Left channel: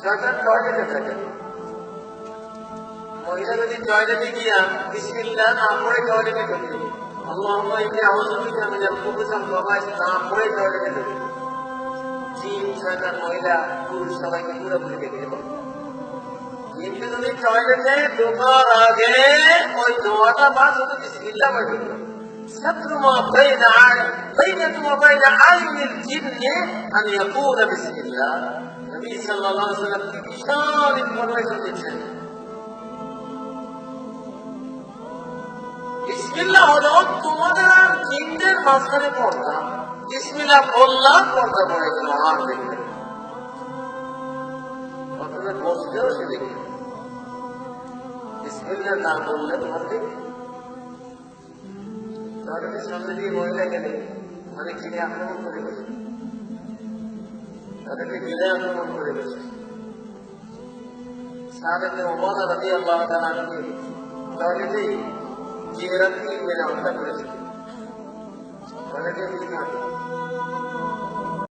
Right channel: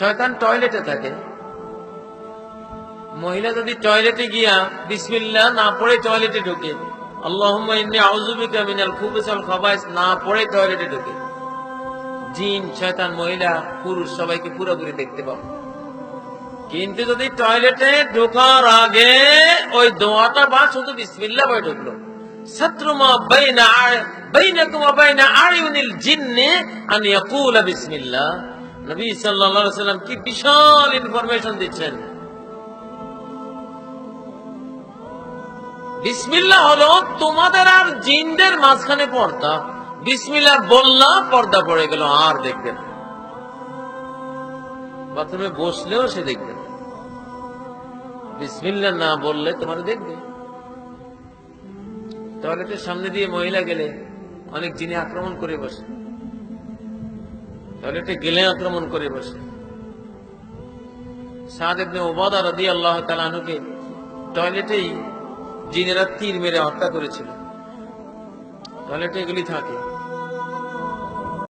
শয়তান টয়লেটে থাকে। মহিলা যদি টয়লেটে গিয়া বিসমিল্লাহ না পড়ে টয়লেটে ঢোকে, আল্লাহুম্মা ইন্নী আউযু বিকা মিনাল খুবুসি ওয়াল খাবাইস না পড়ে টয়লেটে ঢোকে, জিন শয়তান মহিলা পুরুষ সবাইকে পুরোপুরি দেখতে পাবে। কিন্তু যদি টয়লেটে ঢোকার আগে ওই দোয়াটা বা শুধু বিসমিল্লাহ বলে ঢুকলো, সাতরুমা বাইনাকুম ওয়া বাইনা আয়ুনিল জিন্নি আন ইয়াকুলা বিসমিল্লাহ। নবী সাল্লাল্লাহু আলাইহি ওয়াসাল্লাম কি বিশাল ইনফরমেশন দিচ্ছেন। বিসমিল্লাহ হলো তোমাদের আর জিনদের মাঝখানে পর্দা। বিসমিল্লাহ বললা পর্দা পড়ে গেল, আর দেখবে না। বাথরুমে বসলেও সে দেখবে না, বিসমিল্লাহ না বললে তোমার দেখবে। টয়লেটের সামনে দিয়ে মহিলা গেলে অনেক জিনে আক্রমণ করে বসে, টয়লেটে গেলে আক্রমণ করে বসে। সাদ ইবনে উবাদা রাদিয়াল্লাহু তাআলা আনহুকে টয়লেটেই জিনেরা তীর মেরে হত্যা করেছিল। টয়লেটে এগুলি থাকে।